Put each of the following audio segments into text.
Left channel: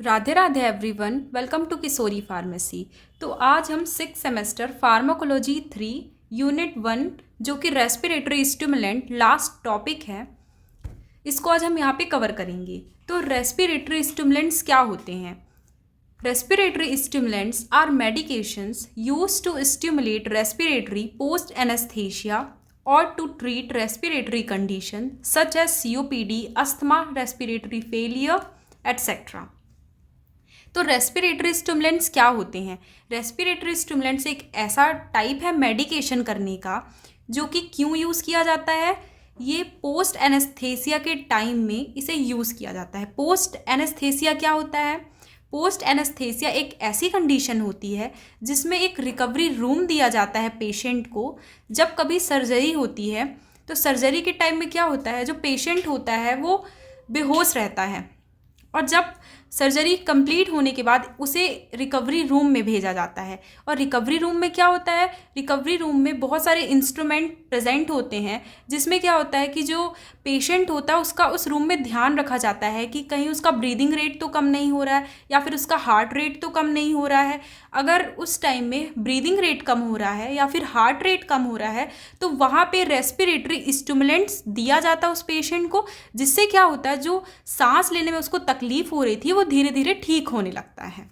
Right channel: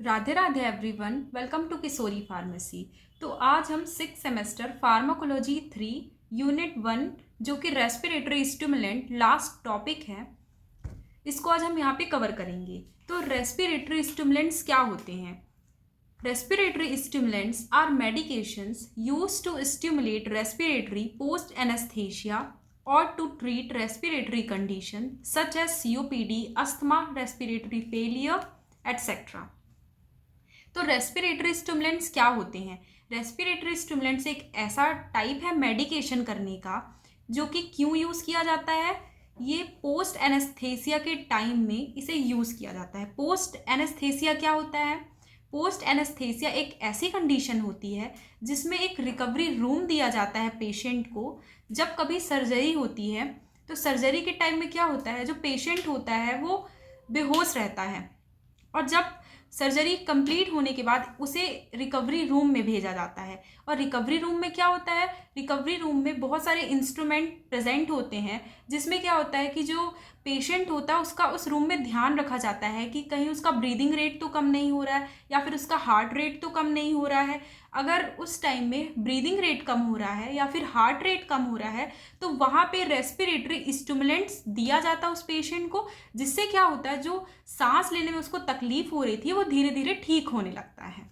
Radhe Radhe everyone, welcome to Kishori pharmacy. तो आज हम 6 सेमेस्टर फार्माकोलॉजी 3 यूनिट 1 जो कि रेस्पिरेटरी स्टिमुलेंट लास्ट टॉपिक है, इसको आज हम यहाँ पे कवर करेंगे। तो रेस्पिरेटरी स्टिमुलेंट्स क्या होते हैं? Respiratory stimulants are medications used to stimulate respiratory post anaesthesia or to treat respiratory condition such as COPD, asthma, respiratory failure, etc. तो रेस्पिरेटरी स्टिमुलेंट्स क्या होते हैं? रेस्पिरेटरी स्टिमुलेंट्स एक ऐसा टाइप है मेडिकेशन करने का जो कि क्यों यूज़ किया जाता है? ये पोस्ट एनेस्थेसिया के टाइम में इसे यूज़ किया जाता है। पोस्ट एनेस्थेसिया क्या होता है? पोस्ट एनेस्थेसिया एक ऐसी कंडीशन होती है जिसमें एक रिकवरी रूम दिया जाता है पेशेंट को। जब कभी सर्जरी होती है तो सर्जरी के टाइम में क्या होता है, जो पेशेंट होता है वो बेहोश रहता है और जब सर्जरी कंप्लीट होने के बाद उसे रिकवरी रूम में भेजा जाता है। और रिकवरी रूम में क्या होता है? रिकवरी रूम में बहुत सारे इंस्ट्रूमेंट प्रेजेंट होते हैं जिसमें क्या होता है कि जो पेशेंट होता है उसका उस रूम में ध्यान रखा जाता है कि कहीं उसका ब्रीदिंग रेट तो कम नहीं हो रहा है या फिर उसका हार्ट रेट तो कम नहीं हो रहा है। अगर उस टाइम में ब्रीदिंग रेट कम हो रहा है या फिर हार्ट रेट कम हो रहा है तो वहाँ पे रेस्पिरेटरी स्टिमुलेंट्स दिया जाता है उस पेशेंट को, जिससे क्या होता है जो सांस लेने में उसको तकलीफ हो रही थी वो धीरे धीरे ठीक होने लगता है।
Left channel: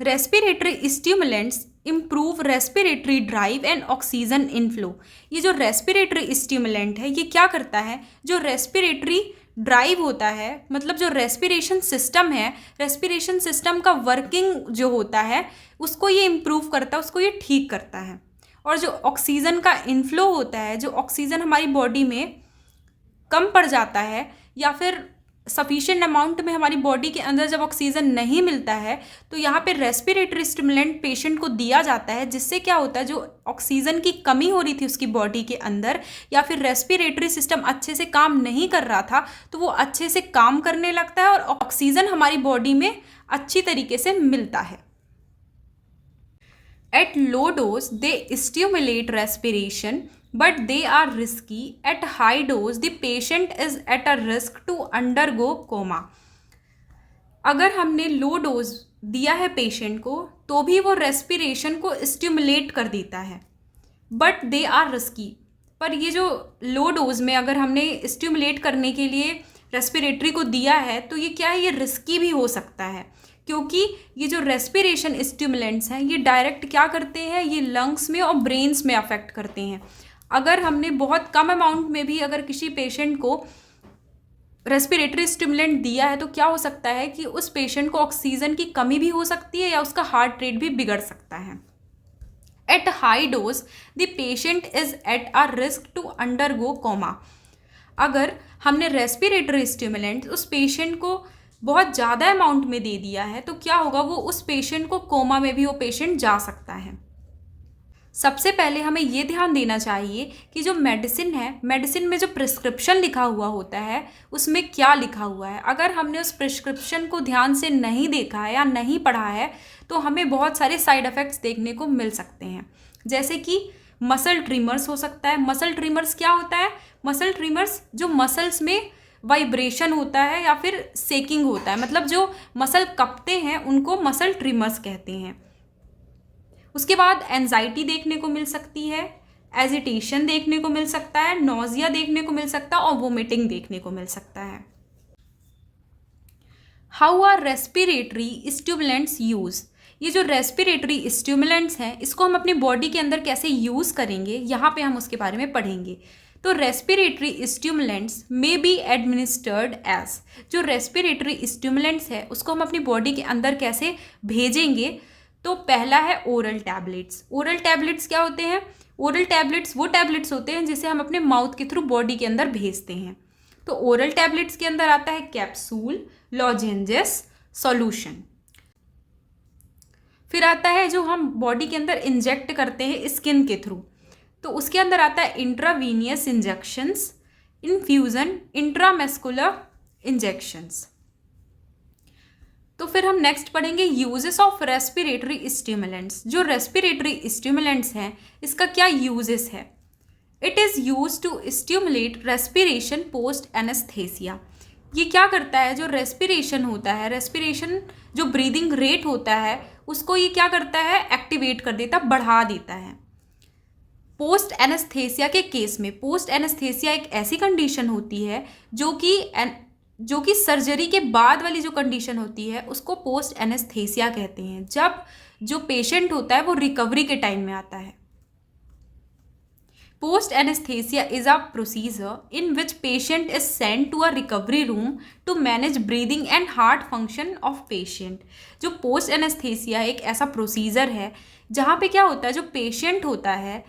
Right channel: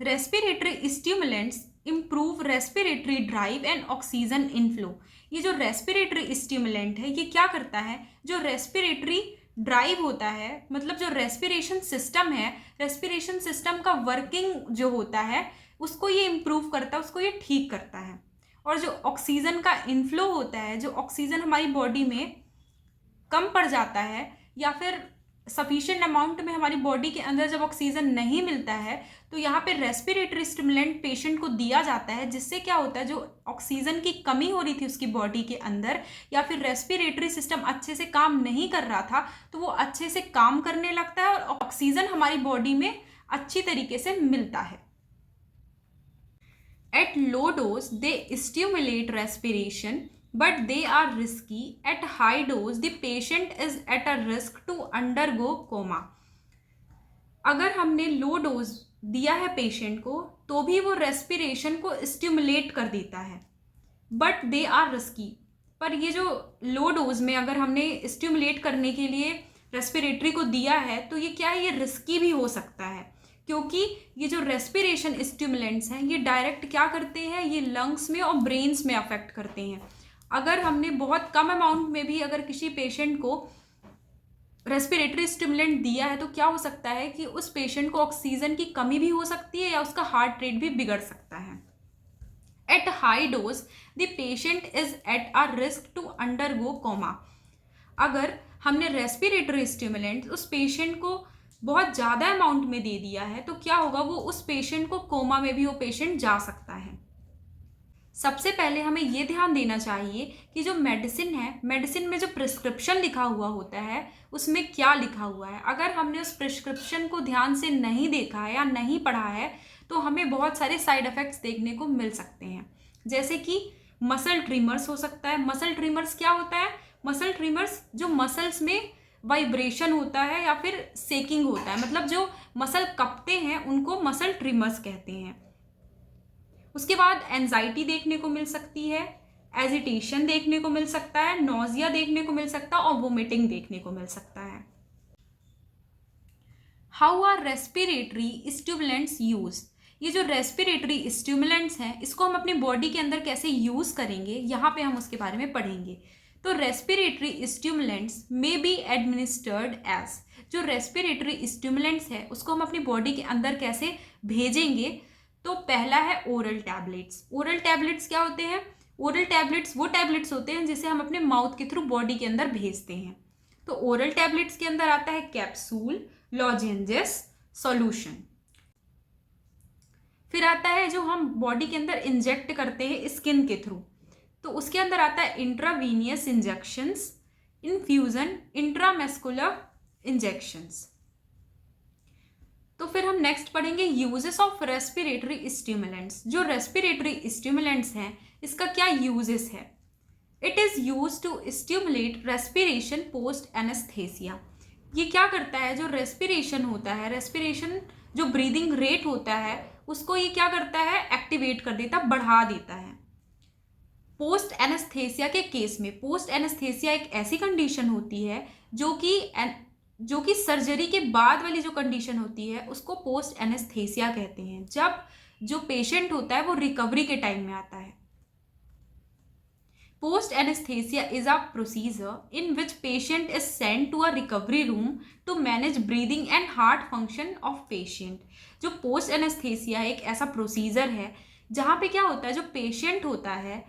Respiratory stimulants improve respiratory drive and oxygen inflow. ये जो रेस्पिरेटरी स्टिमुलेंट है ये क्या करता है, जो रेस्पिरेटरी ड्राइव होता है, मतलब जो रेस्पिरेशन सिस्टम है, रेस्पिरेशन सिस्टम का वर्किंग जो होता है उसको ये इम्प्रूव करता है, उसको ये ठीक करता है। और जो ऑक्सीजन का इनफ्लो होता है, जो ऑक्सीजन हमारी बॉडी में कम पड़ जाता है या फिर सफिशिएंट अमाउंट में हमारी बॉडी के अंदर जब ऑक्सीजन नहीं मिलता है तो यहाँ पे रेस्पिरेटरी स्टिमुलेंट पेशेंट को दिया जाता है, जिससे क्या होता है जो ऑक्सीजन की कमी हो रही थी उसकी बॉडी के अंदर या फिर रेस्पिरेटरी सिस्टम अच्छे से काम नहीं कर रहा था तो वो अच्छे से काम करने लगता है और ऑक्सीजन हमारी बॉडी में अच्छी तरीके से मिलता है। At low dose, they stimulate respiration, but they are risky. At high dose, the patient is at a risk to undergo coma. अगर हमने लो डोज दिया है पेशेंट को तो भी वो रेस्पिरेशन को स्टिमुलेट कर देता है, बट दे आर रिस्की। पर ये जो लो डोज में अगर हमने स्टिमुलेट करने के लिए रेस्पिरेटरी को दिया है तो ये क्या है, ये रिस्की भी हो सकता है, क्योंकि ये जो रेस्पिरेशन स्टिमुलेंट्स हैं ये डायरेक्ट क्या करते हैं, ये लंग्स में और ब्रेन्स में अफेक्ट करते हैं। अगर हमने बहुत कम अमाउंट में भी अगर किसी पेशेंट को रेस्पिरेटरी स्टिमुलेंट दिया है तो क्या हो सकता है कि उस पेशेंट को ऑक्सीजन की कमी भी हो सकती है या उसका हार्ट रेट भी बिगड़ सकता है। At high dose the patient is at a risk to undergo coma. अगर हमने रेस्पिरेटरी स्टिमुलेंट उस पेशेंट को बहुत ज़्यादा अमाउंट में दे दिया है तो क्या होगा, वो उस पेशेंट को कोमा में भी वो पेशेंट जा सकता है। सबसे पहले हमें ये ध्यान देना चाहिए कि जो मेडिसिन है, मेडिसिन में जो प्रिस्क्रिप्शन लिखा हुआ होता है उसमें क्या लिखा हुआ है। अगर हमने उस प्रिस्क्रिप्शन को ध्यान से नहीं देखा है या नहीं पढ़ा है तो हमें बहुत सारे साइड इफ़ेक्ट्स देखने को मिल सकते हैं, जैसे कि मसल ट्रिमर्स हो सकता है। मसल ट्रिमर्स क्या होता है? मसल ट्रिमर्स जो मसल्स में वाइब्रेशन होता है या फिर सेकिंग होता है, मतलब जो मसल कपते हैं उनको मसल ट्रिमर्स कहते हैं। उसके बाद एंजाइटी देखने को मिल सकती है, एजिटेशन देखने को मिल सकता है, नोजिया देखने को मिल सकता है और वोमिटिंग देखने को मिल सकता है। How are respiratory stimulants use? ये जो रेस्पिरेटरी स्टिमुलेंट्स हैं इसको हम अपनी बॉडी के अंदर कैसे यूज़ करेंगे, यहाँ पे हम उसके बारे में पढ़ेंगे। तो respiratory stimulants may be administered as, जो रेस्पिरेटरी स्टिमुलेंट्स है उसको हम अपनी बॉडी के अंदर कैसे भेजेंगे? तो पहला है ओरल टैबलेट्स। ओरल टैबलेट्स क्या होते हैं? ओरल टैबलेट्स वो टैबलेट्स होते हैं जिसे हम अपने माउथ के थ्रू बॉडी के अंदर भेजते हैं। तो ओरल टैबलेट्स के अंदर आता है कैप्सूल, लॉजेंजेस, सॉल्यूशन। फिर आता है जो हम बॉडी के अंदर इंजेक्ट करते हैं स्किन के थ्रू, तो उसके अंदर आता है intravenous injections, infusion, intramuscular injections. तो फिर हम नेक्स्ट पढ़ेंगे यूजेस ऑफ रेस्पिरेटरी स्टिमुलेंट्स। जो रेस्पिरेटरी स्टिमुलेंट्स हैं इसका क्या यूजेस है? It is use to stimulate respiration post anaesthesia. ये क्या करता है, जो रेस्पिरेशन होता है, रेस्पिरेशन जो ब्रीदिंग रेट होता है उसको ये क्या करता है, एक्टिवेट कर देता, बढ़ा देता है। पोस्ट एनेस्थेसिया के केस में, पोस्ट एनेस्थेसिया एक ऐसी कंडीशन होती है जो कि सर्जरी के बाद वाली जो कंडीशन होती है उसको पोस्ट एनेस्थेसिया कहते हैं, जब जो पेशेंट होता है वो रिकवरी के टाइम में आता है। Post anesthesia is a procedure in which patient is sent to a recovery room to manage breathing and heart function of patient। जो post anesthesia एक ऐसा प्रोसीजर है जहाँ पे क्या होता है, जो पेशेंट होता है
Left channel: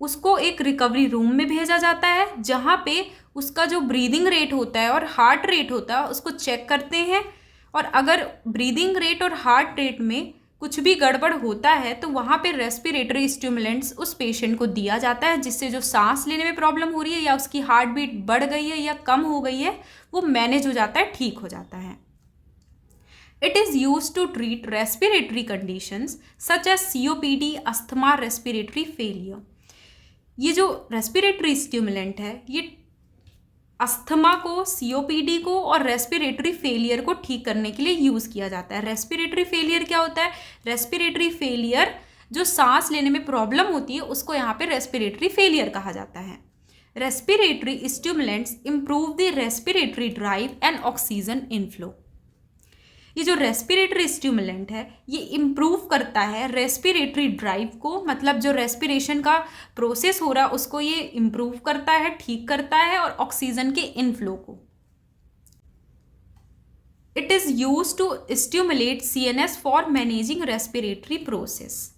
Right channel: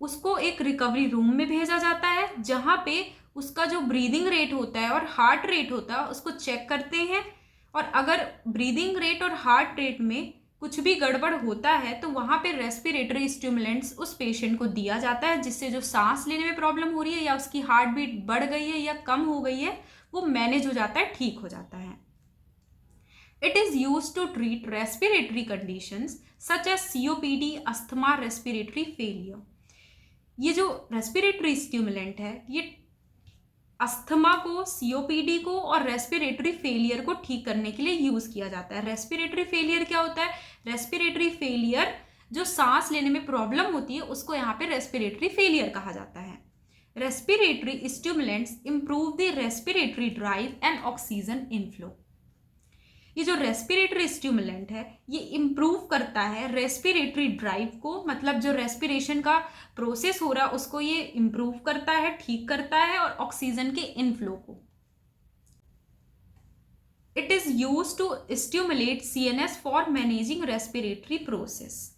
उसको एक रिकवरी रूम में भेजा जाता है जहाँ पे उसका जो ब्रीदिंग रेट होता है और हार्ट रेट होता है उसको चेक करते हैं, और अगर ब्रीदिंग रेट और हार्ट रेट में कुछ भी गड़बड़ होता है तो वहाँ पे रेस्पिरेटरी स्टिमुलेंट्स उस पेशेंट को दिया जाता है, जिससे जो सांस लेने में प्रॉब्लम हो रही है या उसकी हार्ट बीट बढ़ गई है या कम हो गई है वो मैनेज हो जाता है, ठीक हो जाता है। It is use to treat respiratory conditions such as COPD, asthma, respiratory failure. ये जो रेस्पिरेटरी स्टिमुलेंट है ये अस्थमा को, COPD को और रेस्पिरेटरी फेलियर को ठीक करने के लिए यूज़ किया जाता है। रेस्पिरेटरी फेलियर क्या होता है, रेस्पिरेटरी फेलियर जो सांस लेने में प्रॉब्लम होती है उसको यहाँ पे रेस्पिरेटरी फेलियर कहा जाता है। Respiratory stimulants improve the respiratory drive and oxygen inflow. ये जो रेस्पिरेटरी स्टिमुलेंट है ये इम्प्रूव करता है रेस्पिरेटरी ड्राइव को, मतलब जो रेस्पिरेशन का प्रोसेस हो रहा है उसको ये इम्प्रूव करता है, ठीक करता है, और ऑक्सीजन के इनफ्लो को। It is use to stimulate CNS for managing respiratory process.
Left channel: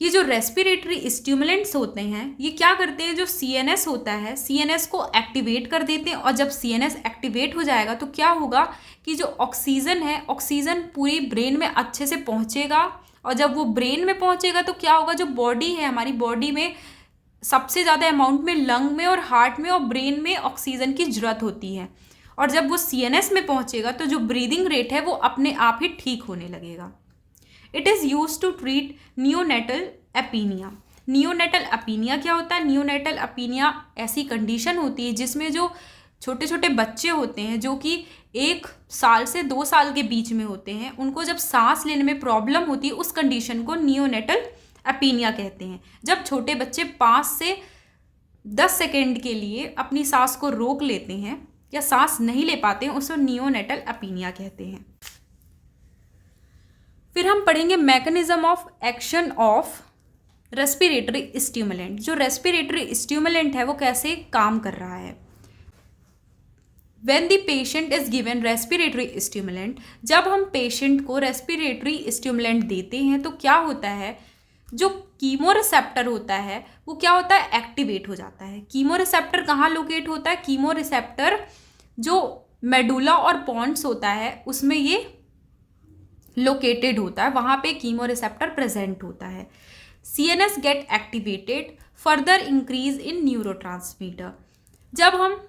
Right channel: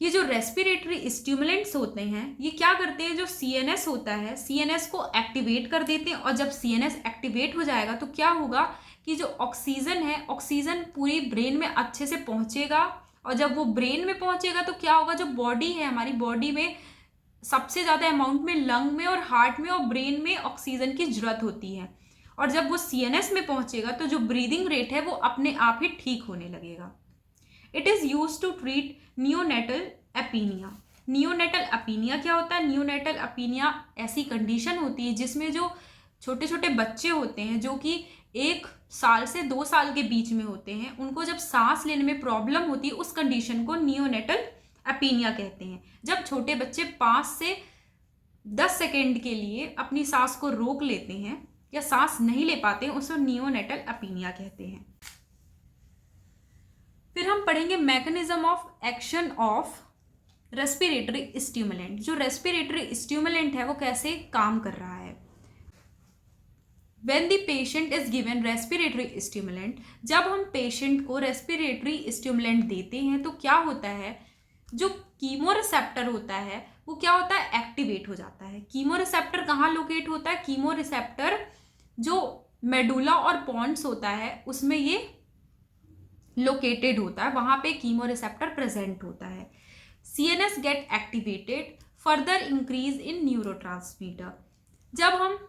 ये जो रेस्पिरेटरी स्टिमुलेंट्स होते हैं ये क्या करते हैं, जो CNS होता है CNS को एक्टिवेट कर देते हैं, और जब CNS एक्टिवेट हो जाएगा तो क्या होगा कि जो ऑक्सीजन है, ऑक्सीजन पूरी ब्रेन में अच्छे से पहुंचेगा, और जब वो ब्रेन में पहुंचेगा तो क्या होगा, जो बॉडी है हमारी बॉडी में सबसे ज़्यादा अमाउंट में लंग में और हार्ट में और ब्रेन में ऑक्सीजन की ज़रूरत होती है, और जब वो CNS में पहुंचेगा तो जो ब्रीदिंग रेट है वो अपने आप ही ठीक होने लगेगा। It is use to treat neonatal apnoea. Neonatal apnoea क्या होता है, नियोनेटल अपीनिया ऐसी कंडीशन होती है जिसमें जो छोटे छोटे बच्चे होते हैं जो कि 1 साल से 2 साल के बीच में होते हैं, उनको जब सांस लेने में प्रॉब्लम होती है उस कंडीशन को नियोनेटल अपीनिया कहते हैं। जब छोटे बच्चे 5 से 10 सेकेंड के लिए अपनी सांस को रोक लेते हैं या सांस नहीं ले पाते हैं उसे नियोनेटल अपीनिया कहते हैं। फिर हम पढ़ेंगे mechanism of action of respiratory stimulant. जो रेस्पिरेटरी स्टिमुलेंट है वो कैसे काम कर रहा है। When the patient is given respiratory stimulant, जब हम पेशेंट को रेस्पिरेटरी स्टिमुलेंट देते हैं तो क्या होता है, जो कीमो रिसेप्टर होता है वो क्या होता है, एक्टिवेट हो जाता है। कीमो रिसेप्टर कहाँ लोकेट होता है, कीमो रिसेप्टर जो मेडुला और पॉन्स होता है उसमें ये लोकेटेड होता है, वहाँ पे कीमो रिसेप्टर प्रेजेंट होता है। CNS gate activated, further increase in neurotransmitter. जब हम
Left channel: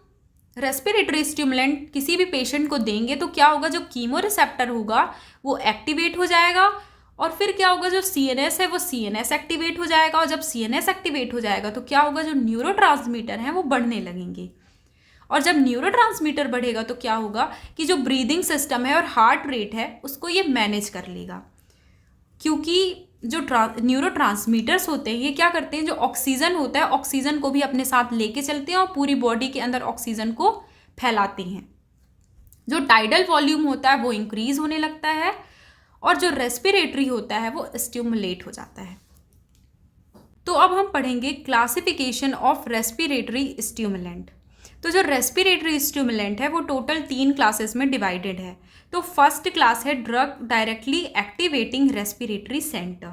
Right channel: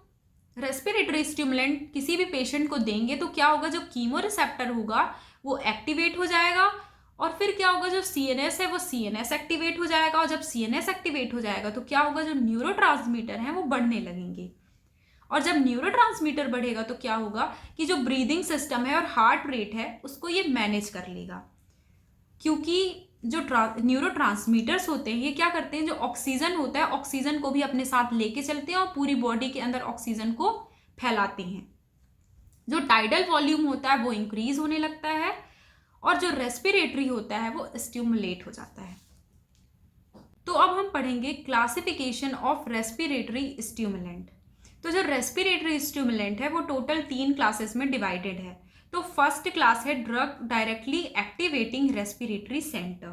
रेस्पिरेटरी स्टिमुलेंट किसी भी पेशेंट को देंगे तो क्या होगा, जो कीमो रिसेप्टर होगा वो एक्टिवेट हो जाएगा, और फिर क्या होगा, जो CNS है वो CNS एक्टिवेट हो जाएगा, और जब CNS एक्टिवेट हो जाएगा तो क्या होगा, जो न्यूरोट्रांसमीटर हैं वो बढ़ने लगेंगे, और जब न्यूरोट्रांसमीटर बढ़ेगा तो क्या होगा कि जो ब्रीदिंग सिस्टम है और हार्ट रेट है उसको ये मैनेज कर लेगा, क्योंकि जो न्यूरोट्रांसमीटर्स होते हैं ये क्या करते हैं, जो ऑक्सीजन होता है ऑक्सीजन को भी अपने साथ लेके चलते हैं और पूरी बॉडी के अंदर ऑक्सीजन को फैलाते हैं। जो टाइडल वॉल्यूम होता है वो इंक्रीज होने लगता है, और जो रेस्पिरेटरी होता है वो स्टिमुलेट हो जाता है। तो अब हम पढ़ेंगे क्लासिफिकेशन ऑफ रेस्पिरेटरी स्टिमुलेंट। तो जो रेस्पिरेटरी स्टिमुलेंट है वो टोटल 3 क्लासेस में डिवाइडेड है। तो फर्स्ट क्लास है drug directly activating respiratory centre.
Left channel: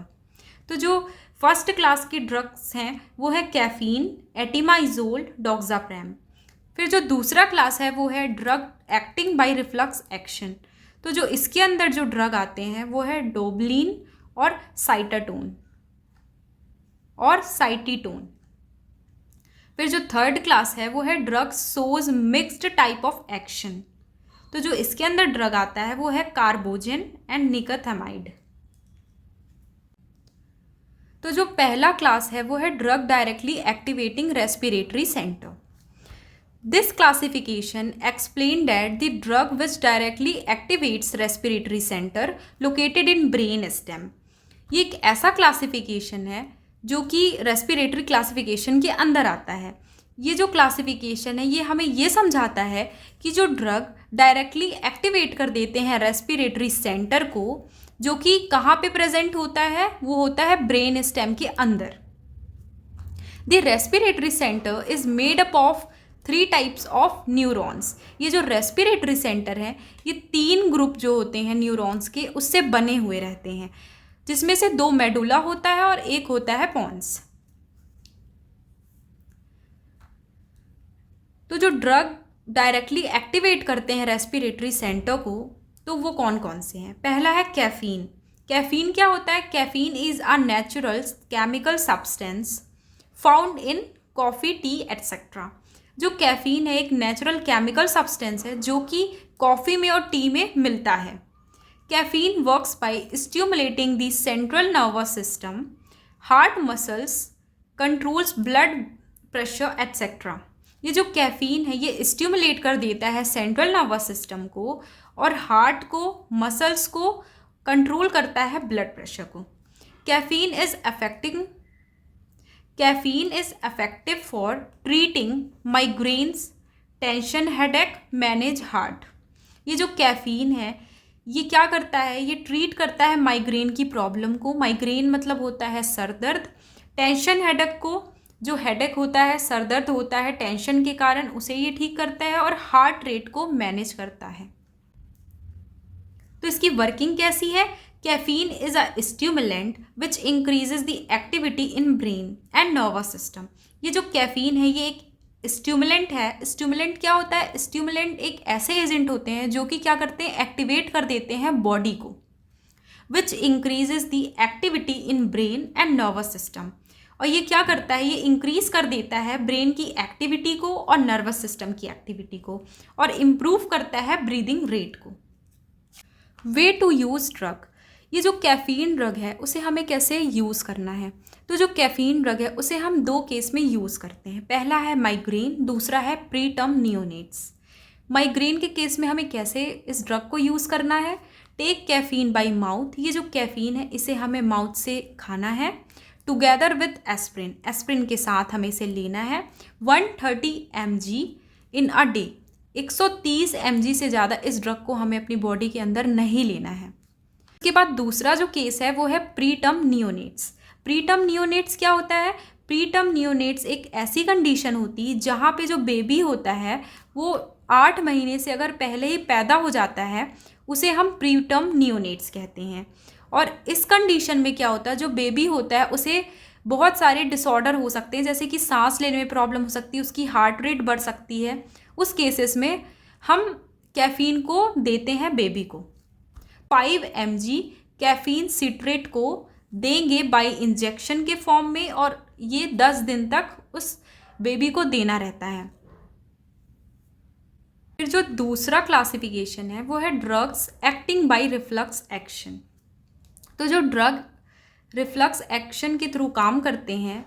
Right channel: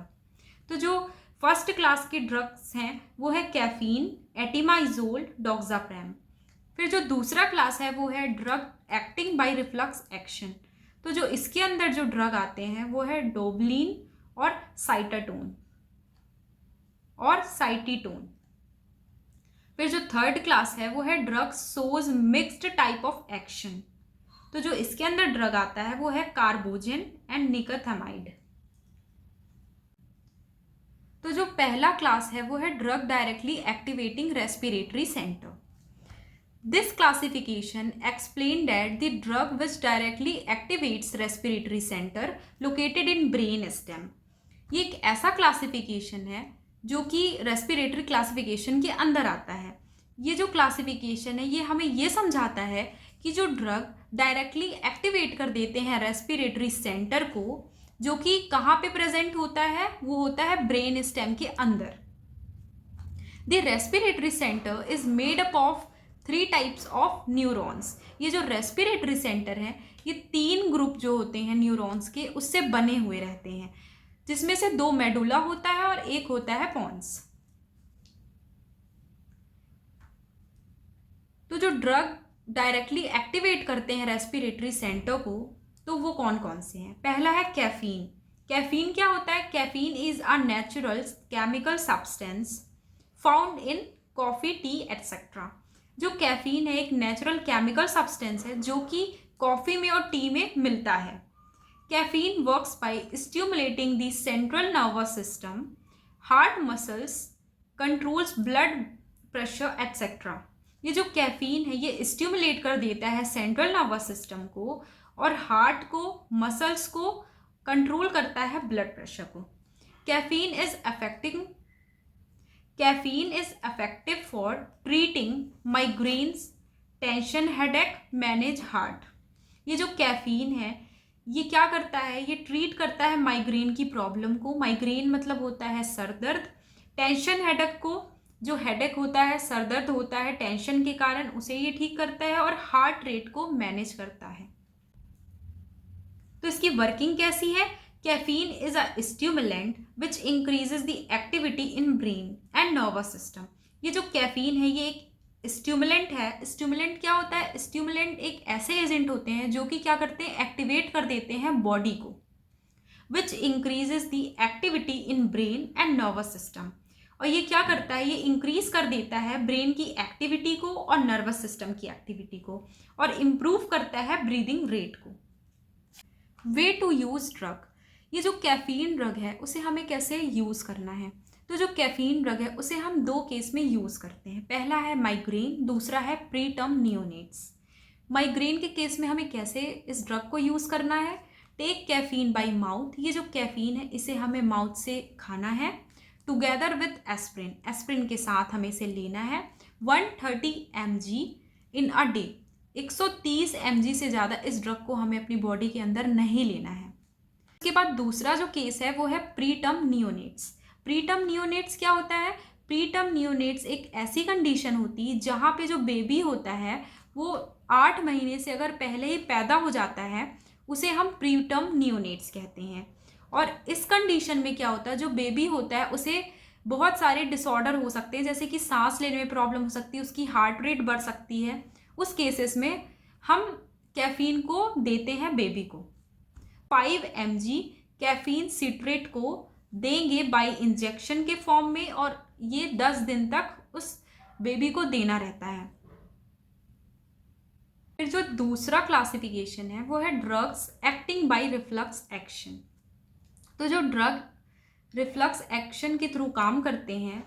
तो जो फर्स्ट क्लास के ड्रग्स हैं वो है कैफीन, एटिमाइजोल, डॉक्साप्रैम। फिर जो दूसरा क्लास है वो है drug acting by reflux action. तो जो इसके अंदर जो ड्रग आते हैं वो है डोबलिन और साइटाटोन और साइटीटोन। फिर जो थर्ड क्लास है वो है drug shows mixed type of action. तो जो इसके अंदर ड्रग आता है वो है कार्बोजेन एंड निकोथामाइड। तो जो पहला क्लास है वो है drug directly activating respiratory centre. This classification explained that the drug which directly activates respiratory center located in brain stem. ये एक ऐसा क्लासिफिकेशन है जो कि रेस्पिरेटरी क्लासिफिकेशन के अंदर आता है। ये जो क्लासिफिकेशन है ये हमें ये समझाता है कि जो ड्रग डायरेक्टली एक्टिवेट कर देते हैं रेस्पिरेटरी सेंटर को, जो कि कहाँ पे प्रेजेंट होता है, वो होता है ब्रेन स्टेम के अंदर। The respiratory centre is made up of 3 types of neurons. ये जो रेस्पिरेटरी सेंटर है ये 3 ग्रुप जो होते हैं न्यूरॉन्स के उससे बने हुए रहते हैं, जिसमें से 2 मेडुला होता है और 1 होता है पॉन्स। तो जो ड्रग डायरेक्टली एक्टिवेट करते हैं रेस्पिरेटरी सेंटर को, तो वो कौन कौन से हैं? पहला है कैफीन। कैफीन क्या होता है? Caffeine is a natural chemical substance found in coffee, T etcetera. जो कैफीन है एक नेचुरल केमिकल सब्सटेंस है जो कि कॉफ़ी में और टी में मिलता है। Caffeine works by stimulating the central nervous system, heart muscles, controls blood pressure etcetera. ये जो कैफीन है ये स्टिमुलेट कर देता है सेंट्रल नर्वस सिस्टम को और हार्ट को, मसल्स को कंट्रोल करता है ब्लड प्रेशर को। Caffeine is effective for treating migraines, tension, headache, manage heart. ये जो कैफीन है ये क्या करता है? ये ट्रीट करता है माइग्रेन की प्रॉब्लम को। माइग्रेन मतलब होता है सर दर्द। टेंशन हेडेक को, जो हेडेक होता है, सर दर्द होता है टेंशन के कारण, उसे ये ठीक करता है। और हार्ट रेट को मैनेज करता है। तो इसकी वर्किंग कैसी है? Caffeine is a stimulant which increases the activity in brain and nervous system. ये जो कैफीन है ये एक स्टिमुलेंट है। स्टिमुलेंट क्या होता है? स्टिमुलेंट एक ऐसे एजेंट होते हैं जो कि क्या करते हैं? एक्टिवेट कर देते हैं बॉडी को, विच increases the activity in brain and nervous system. और ये क्या करता है? ये इंक्रीज कर देता है ब्रेन की एक्टिविटी को और नर्वस सिस्टम की एक्टिविटी को, और इम्प्रूव करता है ब्रीदिंग रेट को। Way to use drug. ये जो कैफीन ड्रग है उसे हमें कैसे यूज़ करना है? तो जो कैफीन ड्रग है उसे हम 2 केस में यूज़ करते हैं। पहला है माइग्रेन, दूसरा है प्री टर्म नियोनेट्स। माइग्रेन के केस में हमें कैसे इस ड्रग को यूज़ करना है? Take caffeine by mouth. ये जो कैफीन है इसे हमें माउथ से खाना है। टुगेदर विथ एस्प्रिन, एस्प्रिन के साथ हमें इसे लेना है। 130 mg in a day. 130 mg से ज़्यादा इस ड्रग को हमें अपनी बॉडी के अंदर नहीं लेना है। उसके बाद दूसरा जो केस है वो है pre term neonates. Pre term neonates क्या होता है? प्री टर्म नियोनेट्स एक ऐसी कंडीशन होती है जहाँ पे जो बेबी होता है वो 8 महीने से अगर पहले ही पैदा हो जाता है, उसे हम प्री टर्म नियोनेट्स कहते हैं। और इस कंडीशन में क्या होता है? जो बेबी होता है उसे बहुत सारे डिसऑर्डर हो सकते हैं, जैसे कि सांस लेने में प्रॉब्लम हो सकती है, उसकी हार्ट रेट बढ़ सकती है। उस केसेस में हम कैफीन को देते हैं बेबी को। 5 mg कैफीन सिट्रेट को देंगे बाय इंजेक्शन के फॉर्म में, और ये 10 दिन तक उस बेबी को देना रहता है। फिर जो दूसरा क्लासिफिकेशन है वो है drugs acting by reflux action. तो जो ड्रग रिफ्लक्स एक्शन के थ्रू काम करते हैं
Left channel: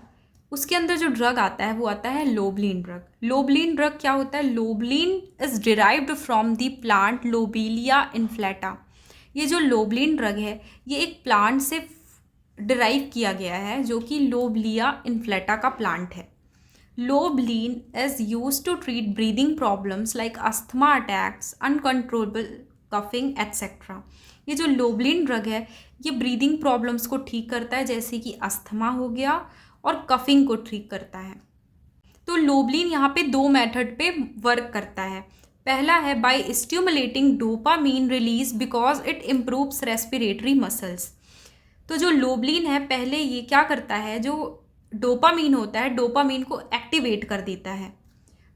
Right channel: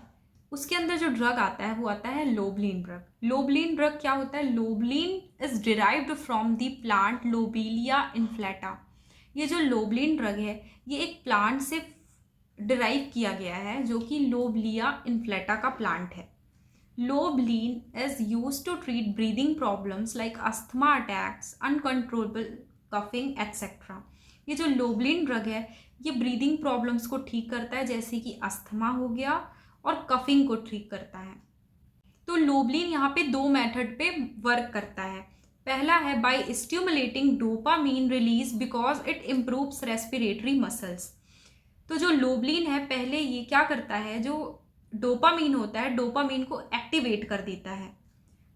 उसके अंदर जो ड्रग आता है वो आता है लोबलिन ड्रग। लोबलिन ड्रग क्या होता है? Lobeline is derived from the plant lobelia inflata. ये जो लोबलिन ड्रग है ये एक प्लांट से डिराइव किया गया है जो कि लोबलिया इन्फ्लेटा का प्लांट है। Lobeline is used to treat breathing problems like asthma attacks, uncontrollable coughing etcetera. ये जो लोबलिन ड्रग है ये ब्रीदिंग प्रॉब्लम्स को ठीक करता है, जैसे कि अस्थमा हो गया, और कफिंग को ठीक करता है। तो लोबलिन यहाँ पे 2 मेथड पे वर्क करता है। पहला है by stimulating dopamine release because it improves respiratory muscles. तो जो लोबलिन है पहले ये क्या करता है? जो डोपामीन होता है, डोपामीन को एक्टिवेट कर देता है,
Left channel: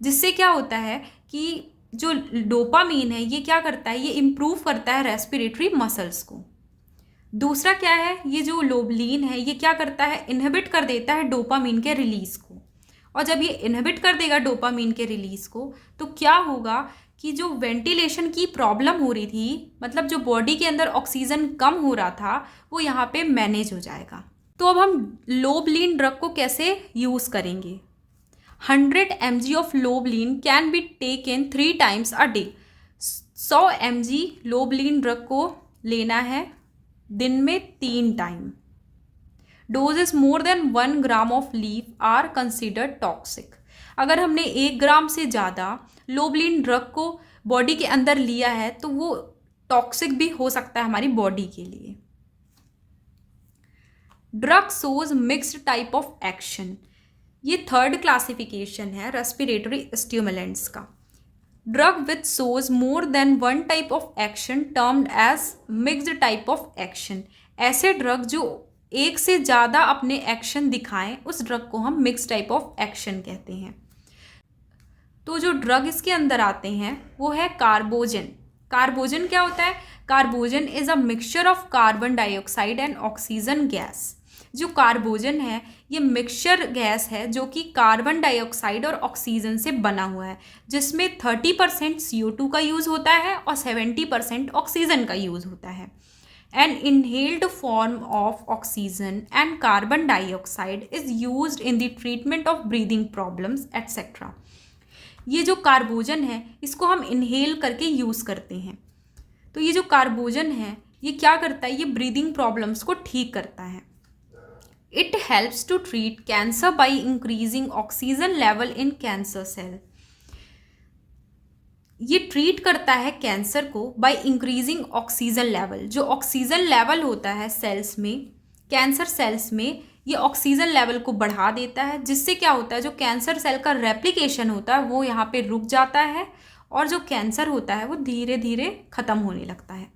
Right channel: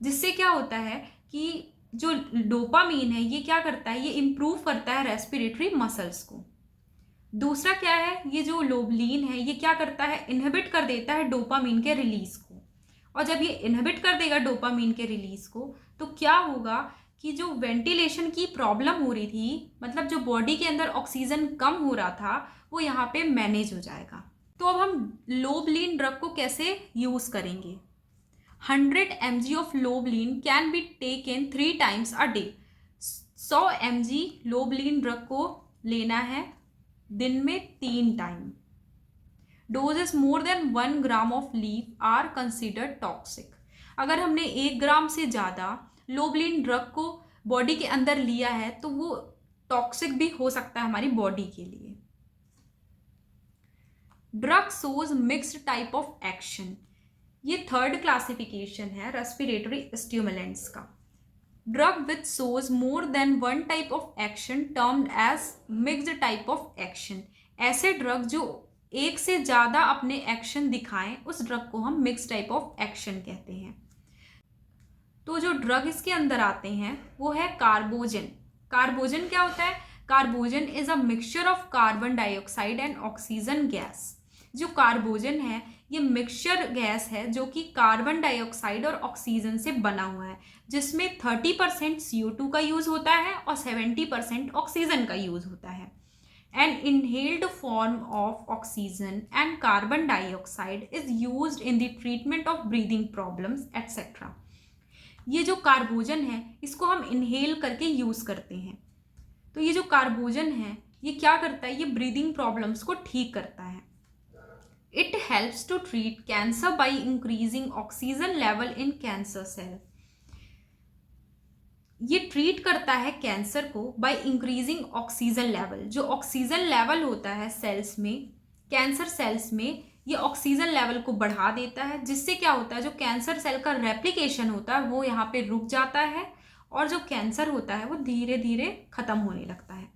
जिससे क्या होता है कि जो डोपामीन है ये क्या करता है? ये इम्प्रूव करता है रेस्पिरेटरी मसल्स को। दूसरा क्या है? ये जो लोबलिन है ये क्या करता है? इनहिबिट कर देता है डोपामीन के रिलीज को। और जब ये इनहिबिट कर देगा डोपामीन के रिलीज को, तो क्या होगा कि जो वेंटिलेशन की प्रॉब्लम हो रही थी, मतलब जो बॉडी के अंदर ऑक्सीजन कम हो रहा था, वो यहाँ पे मैनेज हो जाएगा। तो अब हम लोबलिन ड्रग को कैसे यूज़ करेंगे? 100 mg of lobeline can be taken 3 times a day. 100 mg lobeline drug को लेना है दिन में 3 time. Doses more than 1 gram of leaf are considered toxic. अगर हमने 1 ग्राम से ज़्यादा लोबलिन ड्रग को बॉडी के अंदर लिया है तो वो टॉक्सिक भी हो सकता है हमारी बॉडी के लिए. Drug shows mixed type of action. ये थर्ड क्लासिफिकेशन है रेस्पिरेटरी स्टिमुलेंट्स का. Drug which shows more than 1 type of action termed as mixed type of action. ऐसे ड्रग जो एक से ज़्यादा अपने एक्शन दिखाएं उस ड्रग को हम मिक्स टाइप ऑफ एक्शन कहते हैं. तो जो ड्रग इसके अंदर आते हैं वो है कार्बोजन. कार्बोजन क्या होता है? Carbogen is a mixture of carbon dioxide and oxygen gas. जो कार्बोजन है ये मिक्सचर गैस है जो कि कार्बन डाइऑक्साइड और ऑक्सीजन से बना हुआ है, जिसमें 30% CO2 का यूज़ होता है और 70% ऑक्सीजन का यूज़ होता है. An inhaled form of oxygen and carbon dioxide is used in the treatment of breathing problems etc. ये जो कार्बोजन है इसको हम इनहेल करके यूज़ करते हैं. तो ये जो कार्बोजन है ये क्या करता है? ये ब्रीदिंग प्रॉब्लम्स को ठीक करता है. It helps to treat cancer by increasing oxygen level in cancer cell. ये ट्रीट करता है कैंसर को बाय इंक्रीजिंग ऑक्सीजन लेवल. जो ऑक्सीजन लेवल होता है सेल्स में, कैंसर सेल्स में, ये ऑक्सीजन लेवल को बढ़ा देता है, जिससे क्या होता है जो कैंसर सेल का रेप्लिकेशन होता है वो यहाँ पे रुक जाता है और जो कैंसर होता है वो धीरे धीरे ख़त्म होने लगता है.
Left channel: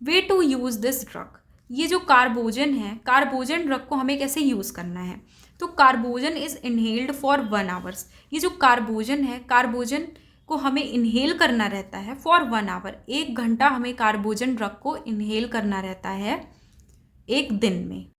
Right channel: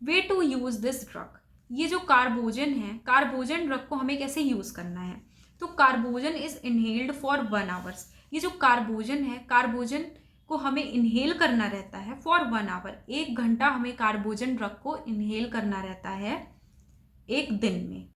Way to use this drug. ये जो कार्बोजन है, कार्बोजन ड्रग को हमें कैसे यूज़ करना है? तो carbogen is inhaled for 1 hour. ये जो कार्बोजन है, कार्बोजन को हमें इनहेल करना रहता है फॉर 1 hour. 1 घंटा हमें कार्बोजन ड्रग को इनहेल करना रहता है एक दिन में.